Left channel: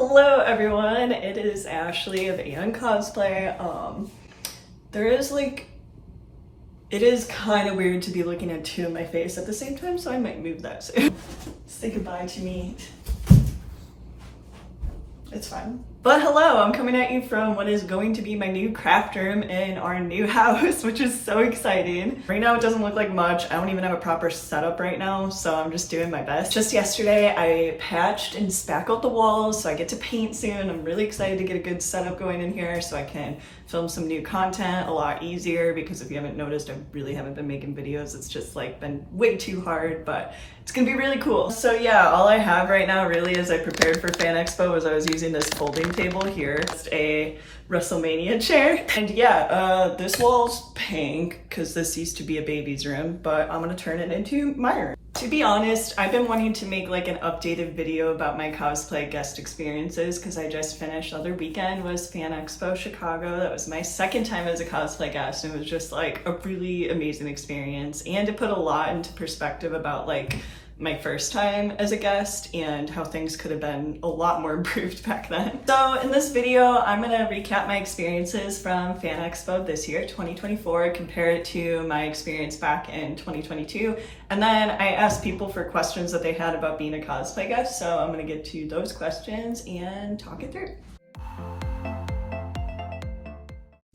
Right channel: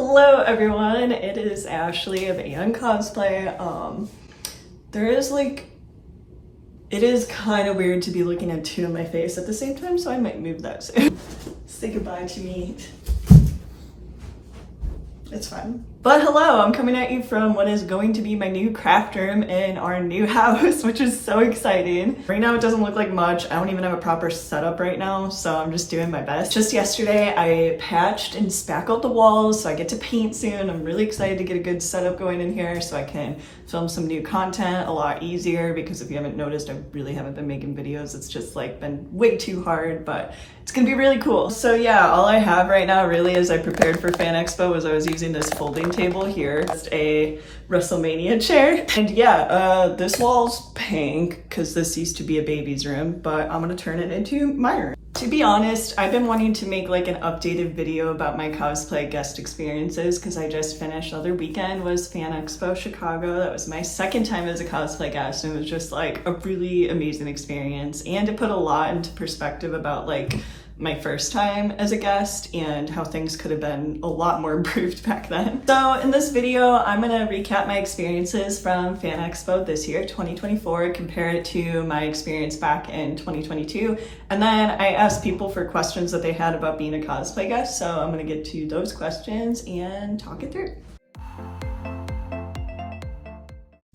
Hello everyone, it is Ashley of &cosplay. It is kind of weird to be looking at two of my face at the same time, so I might move that soon. Say goodbye to me. It's fine. But hello, I'm coming at you from what is going to be my new craft room in our new house, which is so exciting. Right now it doesn't look like much. I don't even have a proper setup right now, so I'm just doing my best. Just yesterday I patched and spackled the walls, so I get to paint soon. I'm really excited to get a good setup going in here so I can film some new content a lot easier, because if you haven't noticed, I really haven't been making videos. It's just like been way too hard, but it's gonna be really cool. So yeah, all I have right now really as I prepared for Fan Expo was I was using this folding table here. Just a WrestleMania chair. And yeah, this wall's pink because this used to be a baby's room, but I'm gonna turn it into my room. To be honest, I've been wanting to make like an updated video about my cosplay guest experiences because I just finished. The other weekend was Fan Expo Chicago. That was my second time as a cosplay guest, and it was just like a really amazing experience, and it put a lot into perspective about like my first time as a guest and how things could have been a lot more improved back then. So in this video, I'm gonna recap my experiences from Fan Expo this year, 2024, compare it to my experience back in 2022. And then I asked people for questions that they had about being a cosplay guest. So I'm gonna get to those questions and talk it through.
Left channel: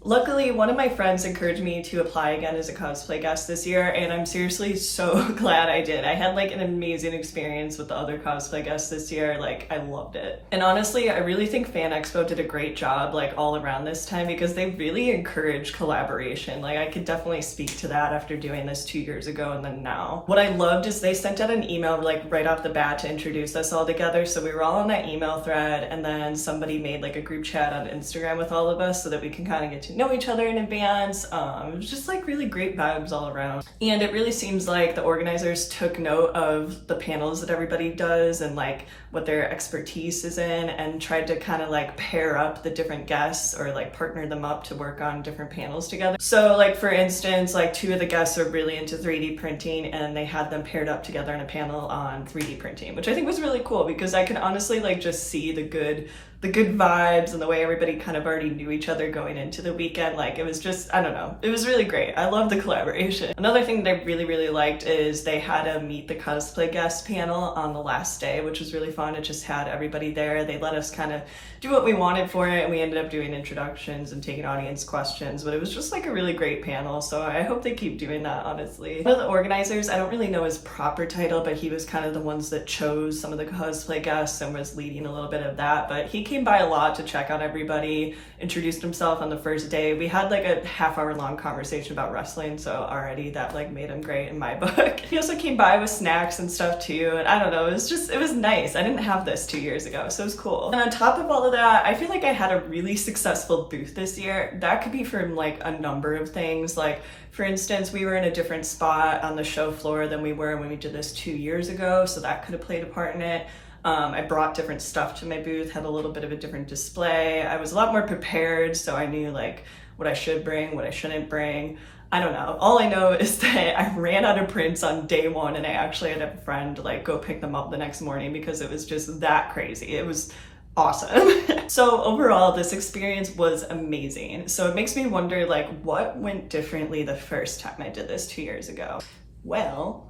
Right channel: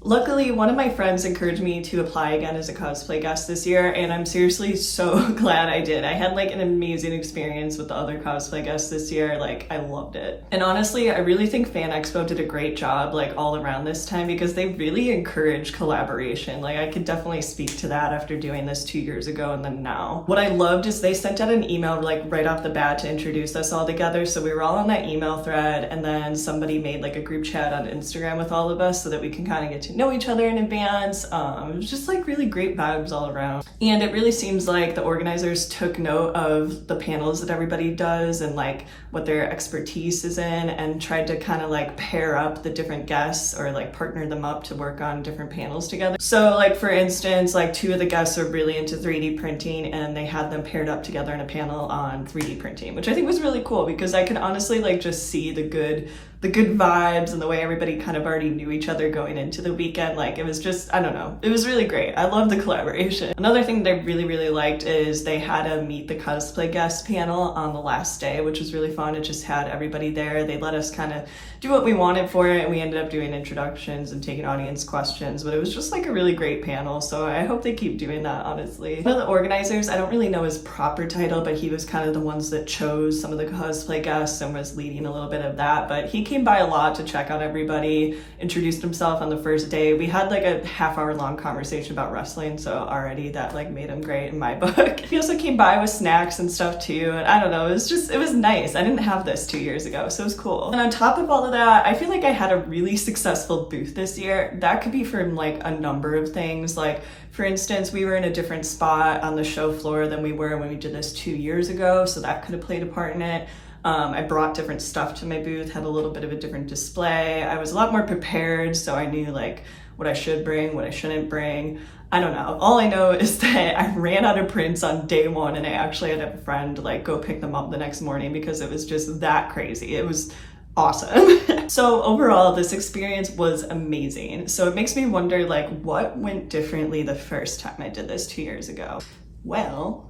Luckily, one of my friends encouraged me to apply again as a cosplay guest this year, and I'm seriously so glad I did. I had like an amazing experience with the other cosplay guests this year. Like, I loved it. And honestly, I really think Fan Expo did a great job like all around this time, because they really encouraged collaboration. Like, I could definitely speak to that after doing this 2 years ago and then now. What I loved is they sent out an email like right off the bat to introduce us all together. So we were all on that email thread, and then somebody made like a group chat on Instagram with all of us so that we can kind of get to know each other in advance. It was just like really great vibes all around. And it really seems like the organizers took note of the panels that everybody does and like what their expertise is in, and tried to kind of like pair up the different guests or like partner them up to work on different panels together. So like for instance, like two of the guests are really into 3D printing, and they had them paired up together in a panel on 3D printing, which I think was really cool because I could honestly like just see the good vibes and the way everybody kind of already knew each other going into the weekend. Like, it was just, I don't know, it was really great. I love the collaboration. Another thing that I really liked is they had a meet the cosplay guest panel on the last day, which was really fun. It just had everybody there. They let us kind of do what we wanted for it, and we ended up doing introductions and taking audience questions, but it was just like a really great panel. So I hope they keep doing that, honestly. One of the organizers, I don't really know his proper title, but he was kind of the ones that chose some of the cosplay guests and was leading a little bit of that, but he came by a lot to check on everybody, introduced himself on the first day. We had like a half-hour long conversation about wrestling, so already that like made him great in my book. He also came by with snacks and stuff too, and I don't know, it was nice. I didn't have this 2 years ago, so it was cool. And on top of all of that, I feel like I had a really successful booth this year. That could be from like a number of things. Like, for instance, we were in a different spot on the show floor than we were when we did this 2 years ago, so that could have played a part in it. I brought different stuff to my booth, had a little bit of a different display. I was a lot more prepared, so I knew like what I should bring, what I shouldn't bring. I don't know. All I know is that I ran out of prints on day one, and I actually had a friend like go pick them up the next morning because it was just that crazy. It was awesome. So overall, this experience was amazing. So it makes me wonder like what went differently the first time I did this 2 years ago. Well,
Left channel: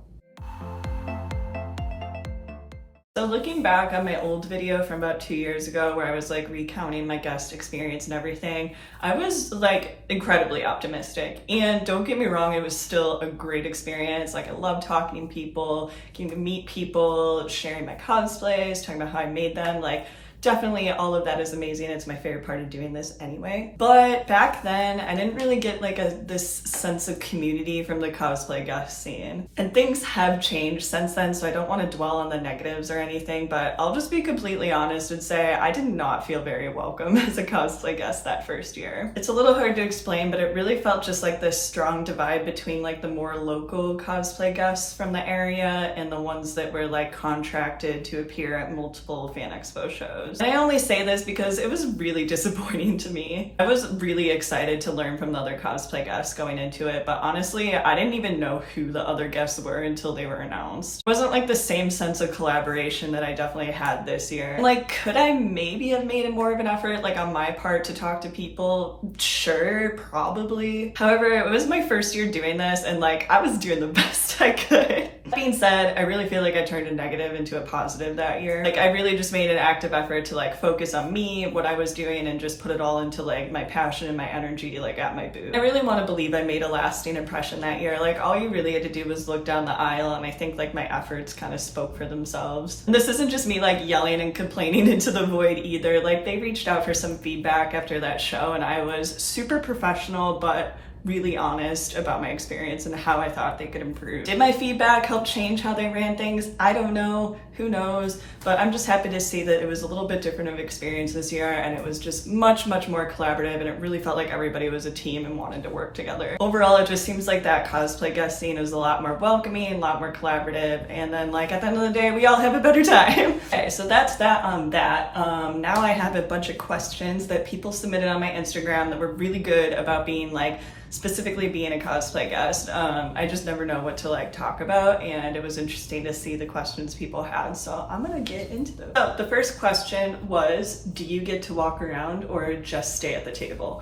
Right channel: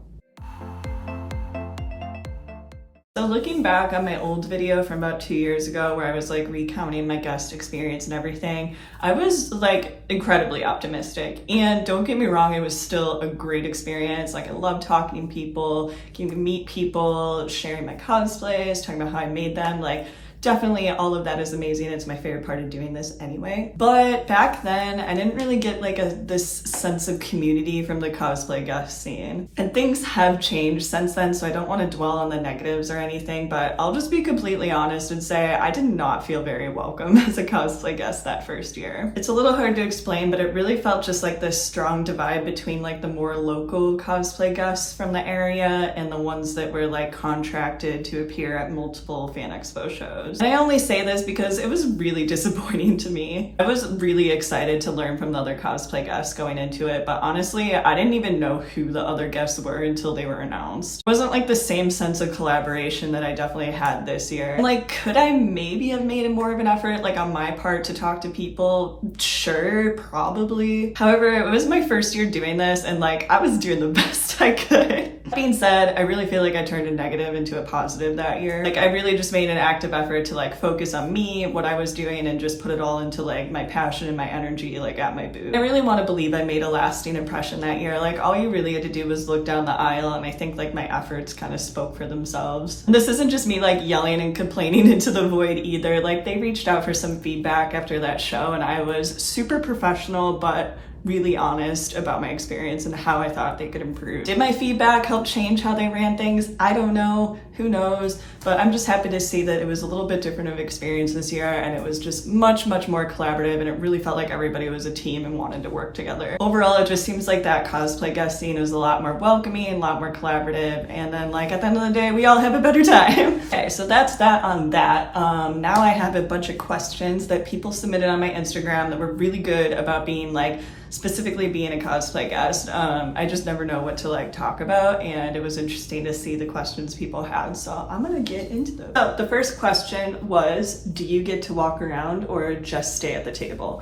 so looking back on my old video from about 2 years ago where I was like recounting my guest experience and everything, I was like incredibly optimistic. And don't get me wrong, it was still a great experience. Like, I love talking to people, getting to meet people, sharing my cosplays, talking about how I made them. Like, definitely all of that is amazing. It's my favorite part of doing this anyway. But back then, I didn't really get like this sense of community from the cosplay guest scene. And things have changed since then, so I don't want to dwell on the negatives or anything, but I'll just be completely honest and say I did not feel very welcome as a cosplay guest that first year. It's a little hard to explain, but it really felt just like this strong divide between like the more local cosplay guests from the area and the ones that were like contracted to appear at multiple Fan Expo shows. photos. And I only say this because it was really disappointing to me. I was really excited to learn from the other cosplay guests going into it, but honestly, I didn't even know who the other guests were until they were announced. It wasn't like the same sense of collaboration that I definitely had this year. Like, could I maybe have made more of an effort, like on my part, to talk to people? Sure, probably. However, it was my first year doing this, and like, I was doing the best I could. That being said, I really feel like I turned a negative into a positive that year. Like, I really just made an active effort to like focus on me, what I was doing, and just put it all into like my passion and my energy like at my booth. I really want to believe I made a lasting impression that year. Like, all you really had to do was look down the aisle, and I think like my efforts kind of spoke for themselves. And this isn't just me like yelling and complaining into the void either. Like, they reached out for some feedback after that show, and I was super professional but really honest about my experience and how I thought they could improve. Did my feedback help change how they ran things? I don't know, who knows, but I'm just happy to see that it was a little bit different of experience this year, and it was just much more collaborative, and it really felt like everybody was a team and wanted to work together. Overall, it just seems like that cosplay guest scene is a lot more welcoming, a lot more collaborative, and then like at the end of the day, we all have a better time. Okay, so that's that on that. Now I have a bunch of questions that people submitted on my Instagram that were really good about being like, specifically being a cosplay guest. I just never know what to like talk about, and it was interesting to see the questions people had, so I'm gonna get into those. So the first question was, do you get to walk around or just stay at the table?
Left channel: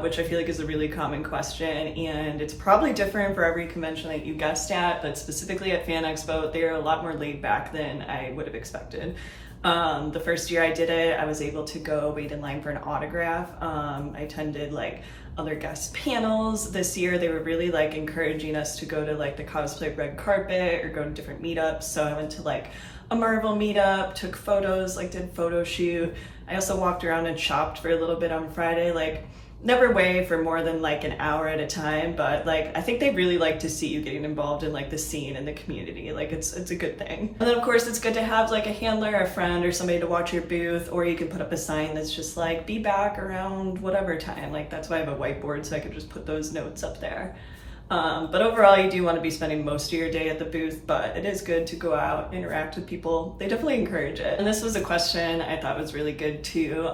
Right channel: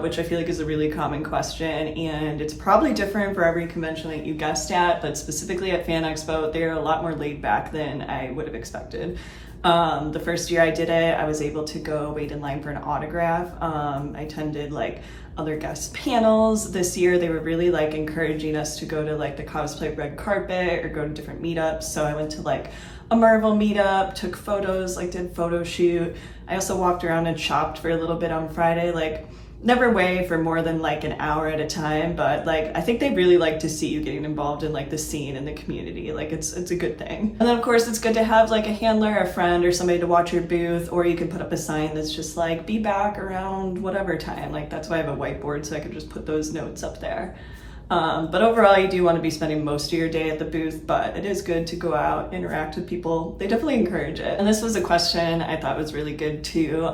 Which I feel like is a really common question, and it's probably different for every convention that you guest at, but specifically at Fan Expo, they're a lot more laid back than I would have expected. The first year I did it, I was able to go wait in line for an autograph. I attended like other guest panels. This year they were really like encouraging us to go to like the cosplay red carpet or go to different meetups. So I went to like a Marvel meetup, took photos, like did photo shoot. I also walked around and shopped for a little bit on Friday, like never way for more than like an hour at a time, but like I think they really like to see you getting involved in like the scene and the community. Like it's a good thing. And then of course it's good to have like a handler, a friend, or somebody to watch your booth, or you can put up a sign that's just like be back around whatever time. Like that's why I have a whiteboard, so I could just put those notes up there. But overall, you do want to be spending most of your day at the booth, but it is good to go out, interact with people. They definitely encourage it. And this was a question I thought was really good too.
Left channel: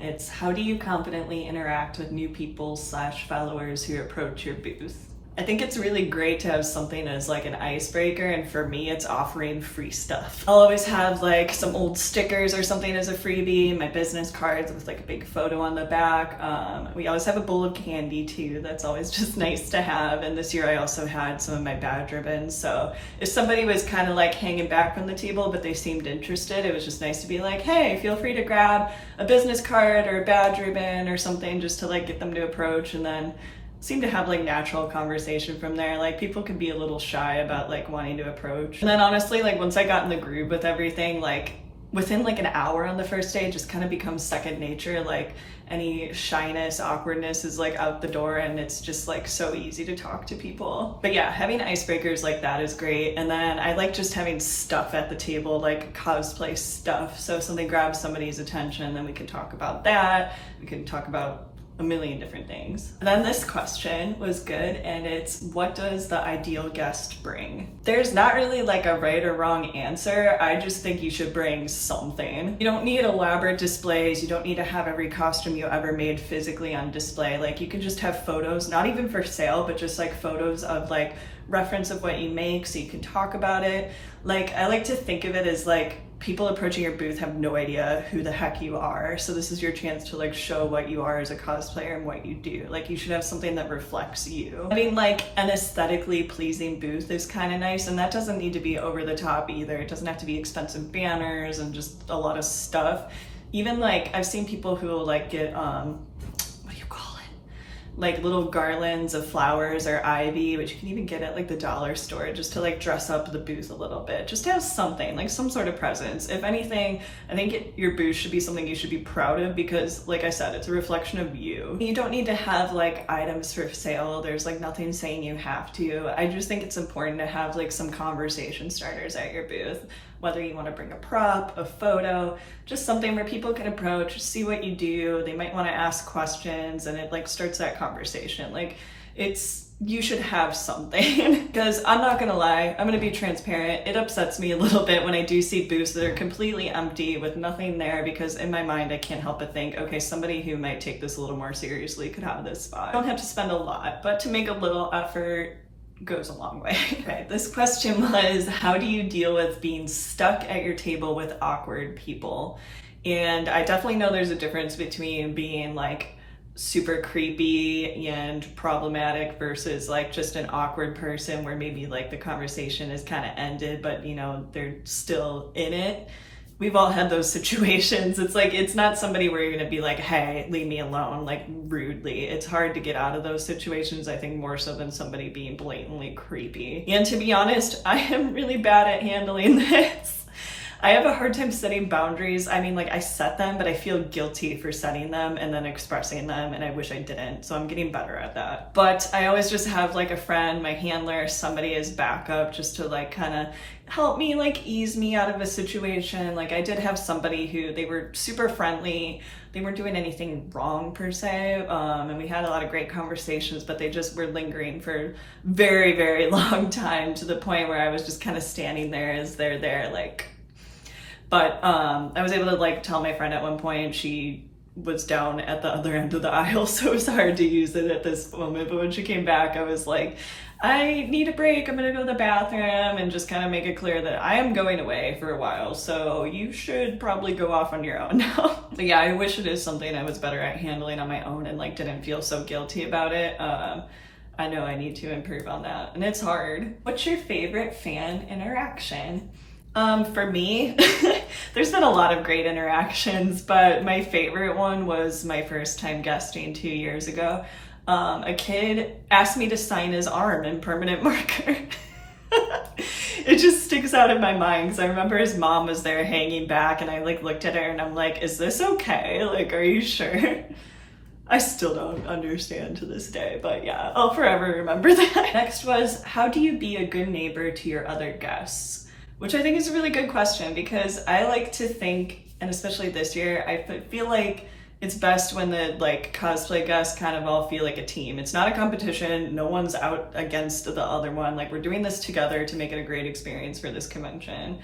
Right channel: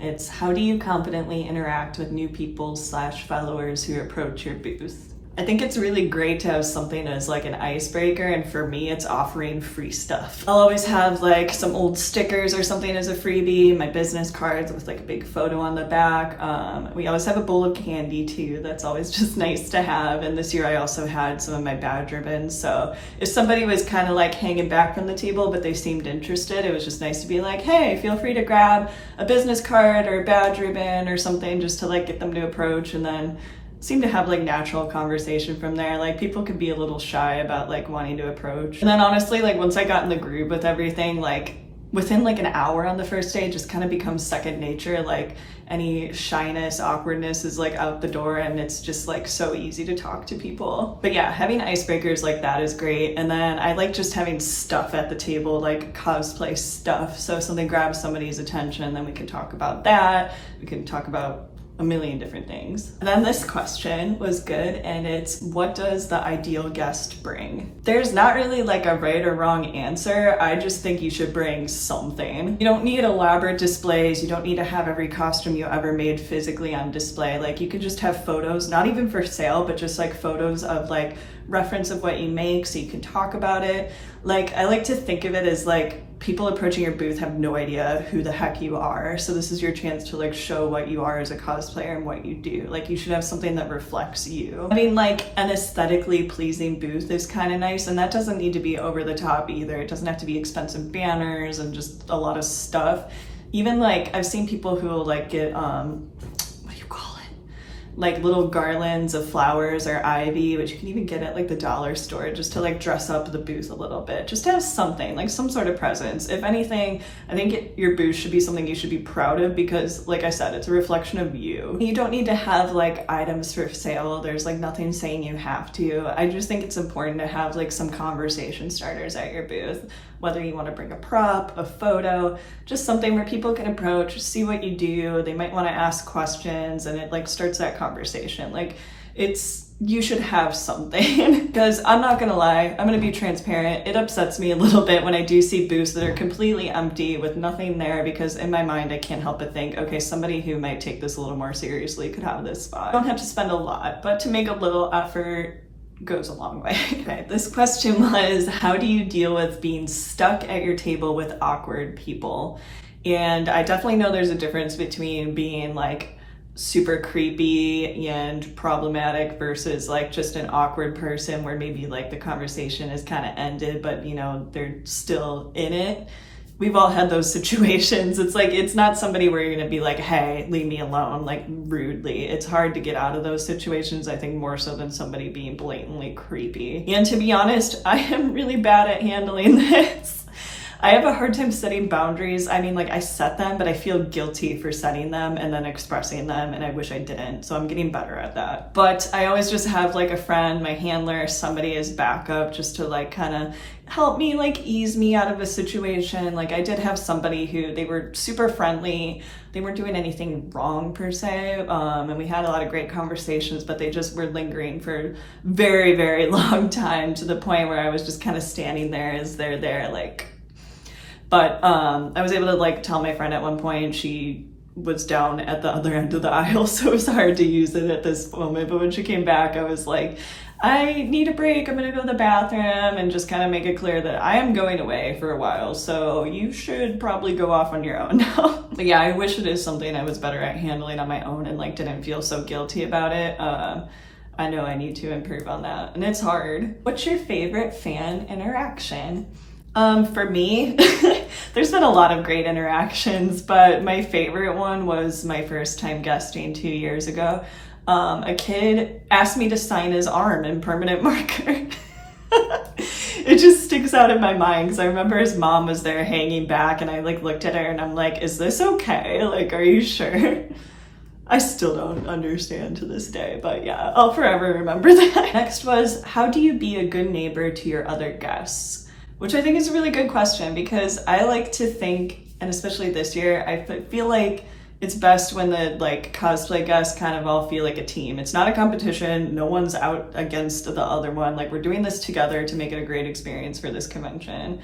It's how do you confidently interact with new people / followers who approach your booth? I think it's really great to have something as like an icebreaker, and for me it's offering free stuff. I'll always have like some old stickers or something as a freebie, my business cards with like a big photo on the back. We always have a bowl of candy too, that's always just nice to have, and this year I also had some of my badge ribbons, so if somebody was kind of like hanging back from the table but they seemed interested, it was just nice to be like, hey, feel free to grab a business card or a badge ribbon or something just to like get them to approach, and then seem to have like natural conversation from there. Like people could be a little shy about like wanting to approach. And then honestly, like once I got in the groove with everything, like within like an hour on the first day, it just kind of becomes second nature. Like any shyness, awkwardness is like out the door, and it's just like so easy to talk to people. But yeah, having icebreakers like that is great. And then I like just having stuff at the table, like cosplay stuff. So if something grabs somebody's attention, then we can talk about that. We can talk about a million different things. And then this question was good, and it's, what does the ideal guest bring? There's not really like a right or wrong answer. I just think you should bring something. You don't need elaborate displays. You don't need to have every costume you ever made physically on display. Like you can just have photos, not even for sale, but just like photos of like reference of what you make so you can talk about it. Like I like to think of it as like people approaching your booth have no idea who the heck you are, so this is your chance to like show what you are as a cosplayer and what you do. Like you should have something that reflects you. I mean, like an aesthetically pleasing booth is kind of nice, and that doesn't need to be over the top either. It doesn't have to be expensive banners and just a lot of stuff. Even like I've seen people who will like get like little garlands of flowers or ivy, which you can even get at like the dollar store, just to like dress up the booth a little bit, just to have something, like some sort of presence. If anything, I think your booth should be something you should be proud of, because like I said, it's a reflection of you. You don't need to have like items for sale. There's like nothing saying you have to. I just think it's important to have like some conversation starters at your booth, whether you want to bring a prop, a photo, just something where people can approach, see what you do. They might want to ask questions, and it like starts that conversation. Like it's you should have something. Because I'm not gonna lie, I'm gonna be transparent. It upsets me a little bit when I do see booths that are completely empty with nothing there, because in my mind I can't help but think, okay, somebody who might take this a little more seriously could have this spot. I don't have to spend a lot, but to make a little effort goes a long way. Okay, this question was, how do you deal with being stuck at your table with awkward people? And I definitely know there's a difference between being like super creepy and problematic versus like just an awkward person where maybe like the conversation is kind of ended, but you know, they're still in it. We've all had those situations. It's like, it's not somebody where you're gonna be like, hey, leave me alone, like rudely. It's hard to get out of those situations, I think, more so than somebody being blatantly creepy. And to be honest, I am really bad at handling this. I have a hard time setting boundaries. I mean, like, I set them, but I feel guilty for setting them and then expressing them, and I wish I didn't. So I'm getting better at that. But I always just have like a friend, my handler, somebody as backup, just to like kind of help me, like ease me out of a situation. Like I did have somebody who, they were super friendly. They weren't doing anything wrong per se, and we had a lot of great conversations, but they just were lingering for very, very long time, to the point where I was just kind of standing there as they're there, like. But I was able to like tell my friend at one point, she was down at the other end of the aisle, so it was hard to use it at this moment. But when she came back, I was like, I need a break, I'm gonna go to the bathroom, and just kind of make it clear that I am going away for a while, so you should probably go off on your own now. But yeah, I wish it is something I was better at handling on my own and like didn't feel so guilty about it. I know I need to improve on that, and it's hard. What's your favorite fan interaction? For me, there's been a lot of great interactions, but my favorite one was my first time guesting 2 years ago. A kid asked me to sign his arm in permanent marker. It just sticks out in my mind because I remember his mom was there hanging back, and I like looked at her and I'm like, is this okay? Like, are you sure? I still don't understand to this day, but yeah, I'll forever remember that. Next was, how do you be a good neighbor to your other guests? Which I think is a really good question, because I like to think, and especially this year, I feel like it's best when the like cosplay guests kind of all feel like a team. It's not a competition. No one's out against the other one. Like, we're doing this together to make it a great experience for this convention.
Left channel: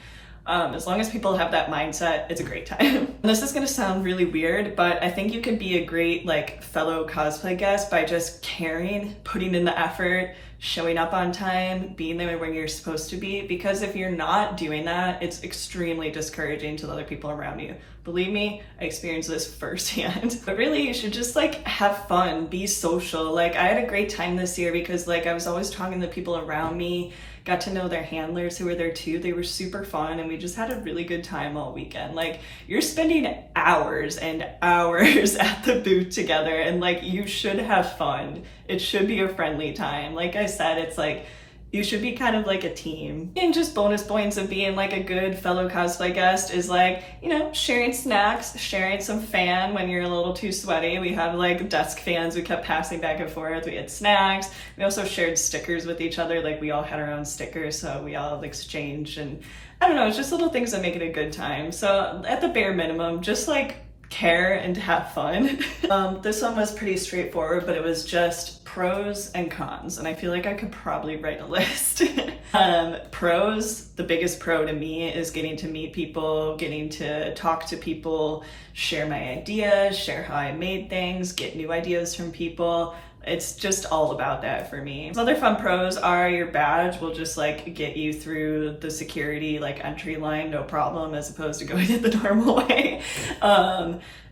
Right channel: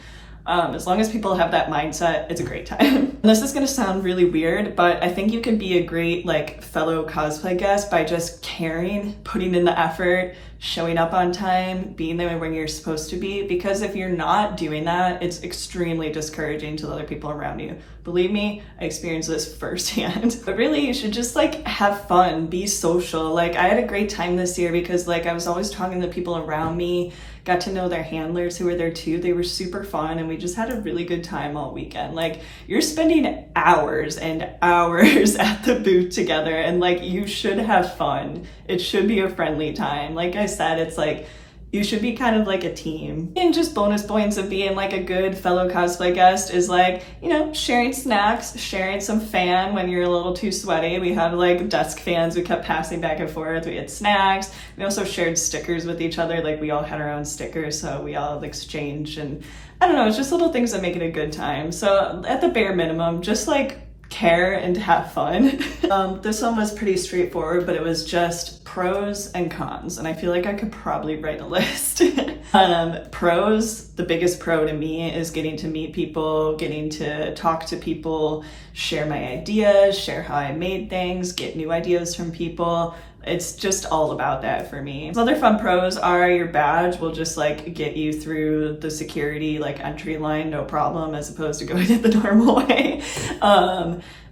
As long as people have that mindset, it's a great time. This is gonna sound really weird, but I think you can be a great like fellow cosplay guest by just caring, putting in the effort, showing up on time, being there when you're supposed to be, because if you're not doing that, it's extremely discouraging to the other people around you. Believe me, I experienced this firsthand. But really, you should just like have fun, be social. Like, I had a great time this year because like I was always talking to people around me, got to know their handlers who were there too. They were super fun, and we just had a really good time all weekend. Like, you're spending hours and hours at the booth together, and like, you should have fun. It should be a friendly time. Like I said, it's like, you should be kind of like a team. And just bonus points of being like a good fellow cosplay guest is like, you know, sharing snacks, sharing some fan when you're a little too sweaty. We had like desk fans we kept passing back and forth. We had snacks. We also shared stickers with each other. Like, we all had our own stickers, so we all exchanged. And I don't know, it's just little things that make it a good time. So at the bare minimum, just like care and have fun. This one was pretty straightforward, but it was just pros and cons, and I feel like I could probably write a list. Pros, the biggest pro to me is getting to meet people, getting to talk to people, share my ideas, share how I made things, get new ideas from people. It's just all about that for me. Some other fun pros are your badge will just like get you through the security like entry line, no problem, as opposed to going it the normal way.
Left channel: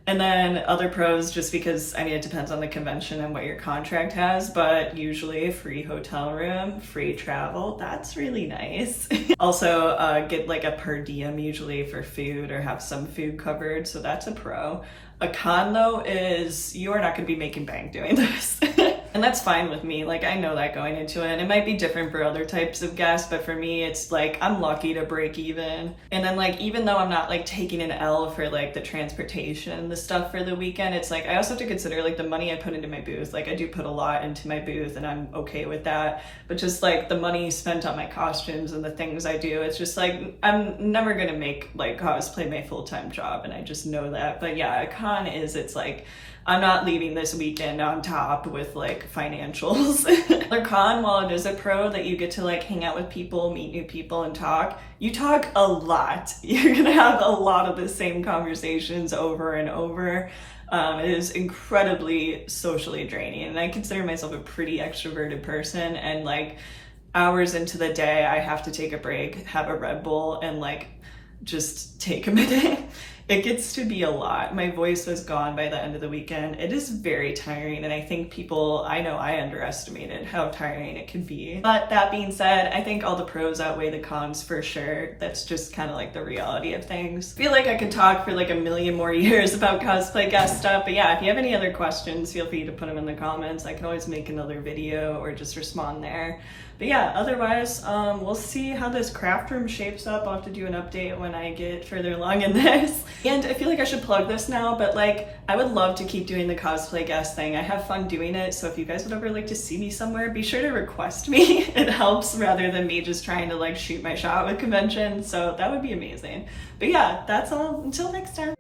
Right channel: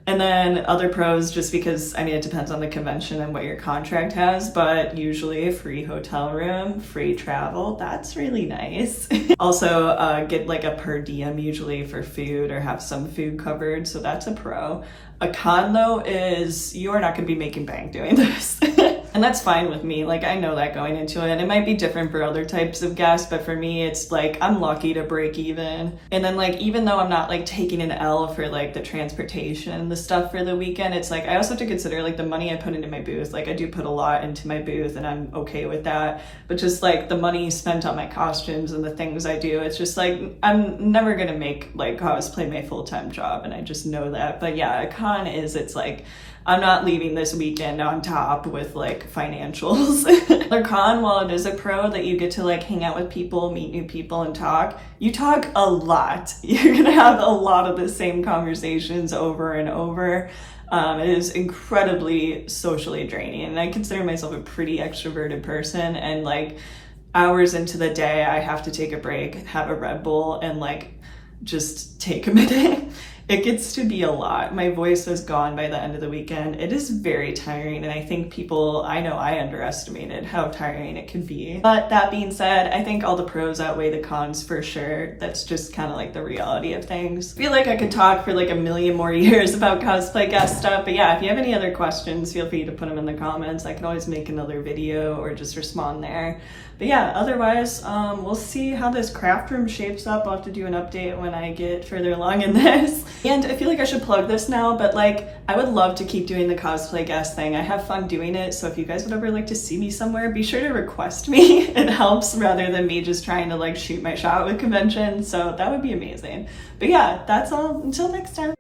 And then other pros, just because, I mean, it depends on the convention and what your contract has, but usually a free hotel room, free travel, that's really nice. Also, get like a per diem usually for food, or have some food covered, so that's a pro. A con though is you're not going to be making bank doing this. And that's fine with me. Like, I know that going into it, and it might be different for other types of guests, but for me, it's like, I'm lucky to break even. And then like, even though I'm not like taking an L for like the transportation and the stuff for the weekend, it's like, I also have to consider like the money I put into my booth. Like, I do put a lot into my booth, and I'm okay with that. But just like the money spent on my costumes and the things I do, it's just like, I'm never gonna make like cosplay my full-time job, and I just know that. But yeah, a con is, it's like, I'm not leaving this weekend on top with like like financials. Their con, while it is a pro that you get to like hang out with people, meet new people and talk, you talk a lot. You're gonna have a lot of the same conversations over and over. It is incredibly socially draining, and I consider myself a pretty extroverted person, and like hours into the day I have to take a break, have a Red Bull, and like just take a minute. It gets to be a lot. My voice is gone by the end of the weekend. It is very tiring, and I think I know I underestimated how tiring it can be. But that being said, I think all the pros outweigh the cons for sure. That's just kind of like the reality of things. I feel like I could talk for like a million more years about cosplay guest stuff, but yeah, if you have any other questions, feel free to put them in the comments. I can always make another video or just respond there. But yeah, otherwise, we'll see how this craft room shapes up. I'll have to do an update when I get further along in this. And I feel like I should plug this now, but like, I would love to keep doing the cosplay guest thing. I have fun doing it, so if you guys would ever like to see me somewhere, be sure to request me. It helps rather than me just trying to like shoot my shot with conventions, so that would be amazing. But yeah, that's all. Until next time.